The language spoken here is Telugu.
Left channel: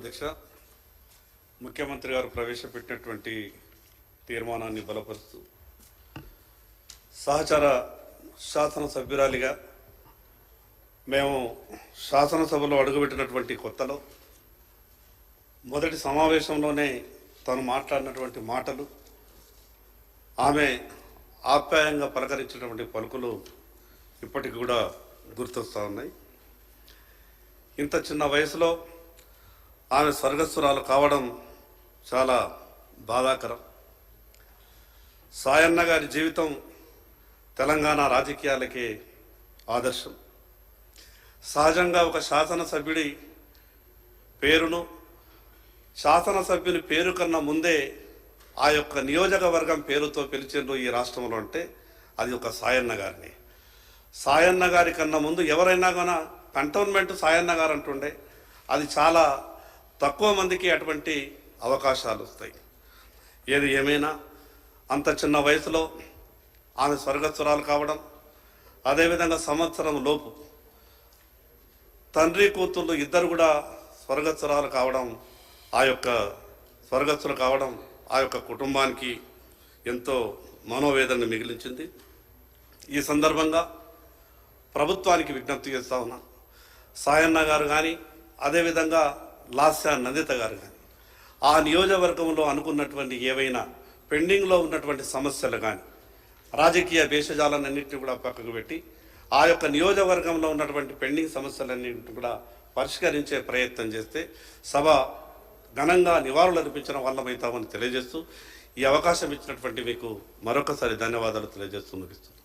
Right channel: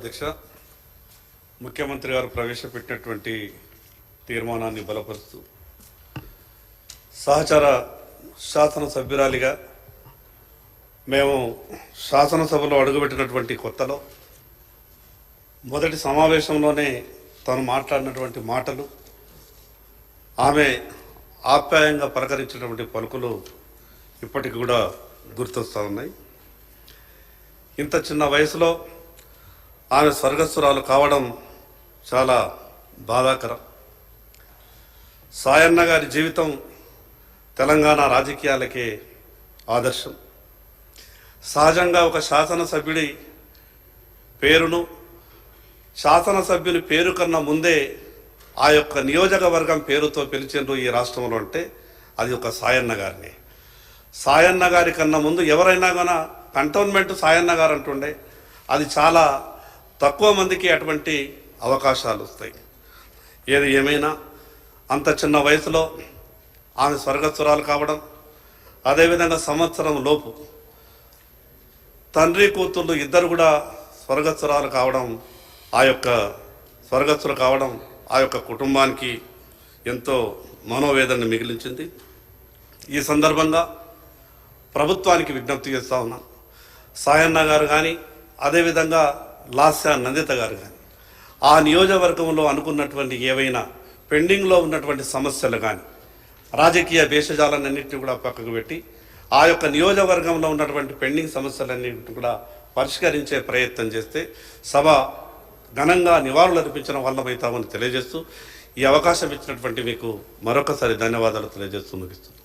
అధ్యక్ష, ముఖ్యమంత్రి గారు ప్రవేశపెట్టినటువంటి తీర్మానాన్ని బలపరుస్తూ సహచర శాసనసభ్యురాలిగా మేము శాసనసభలో అడుగుపెట్టినటువంటి కొత్తలో మొదటి సమావేశంలోనే తను మాట్లాడినటువంటి మాటలు, ఆమె ఆప్యాయంగా పలకరించినటువంటి పలుకులు ఇప్పటికి కూడా గుర్తొస్తూ ఉన్నాయి. ఇంత చిన్న వయసులో ఆమె స్వర్గస్థురాలు కావడం చాలా బాధాకరం. సాయన్న గారి జీవితం తెలంగాణ రాజకీయాలకే ఆదర్శం. సహజంగా ఒక శాసనసభ్యుడి పేరును, శాసనసభ్యుని పేరు కన్నా ముందే ఆ యొక్క నియోజకవర్గం పేరుతో పిలిచిండ్రు ఈ రాష్ట్రంలో అంటే అది ఒక సాయన్న గారిని. సాయన్న గారి కన్నా ముందు ఎవరైనా కానీ కంటోన్మెంట్ సాయన్న గారు అంటుండే, అది చాలా తక్కువ మందికి అటువంటి అవకాశాలు వస్తాయి. ఏది ఏమైనా అంత చిన్న వయసులో ఆమె స్వర్గస్థురాలు కావడం, అదేవిధంగా సంవత్సరం లోపు తండ్రి కూతుళ్ళు ఇద్దరు కూడా స్వర్గస్థురాలు కావడం, ఆ యొక్క కుటుంబానికి ఎంతో మనోవేదన మిగిలించింది. ఈ సందర్భంగా ప్రభుత్వానికి విజ్ఞప్తి చేస్తూ ఉన్నాను. సాయన్న గారు కానీ, అదేవిధంగా లాస్య నందిత గారు కానీ ఆ నియోజకవర్గంలో అనుకున్నటువంటి ఏవైనా పెండింగ్లో ఉన్నటువంటి సమస్యలు కానీ, రాజకీయ భేషజాలన్నింటినీ కూడా పక్కకు పెట్టి ఆ యొక్క నియోజకవర్గంలో ఉన్నటువంటి పెండింగ్ సమస్యలన్నింటినీ కూడా పరిష్కరించే ప్రయత్నం చేస్తే సభ ఘనంగా నివాళులు అర్పించడం వల్లమవుతామని తెలియజేస్తూ ఈ అవకాశం ఇచ్చినటువంటి మీకు మరొకసారి ధన్యవాదాలు తెలియజేస్తూ ముగిస్తుంది.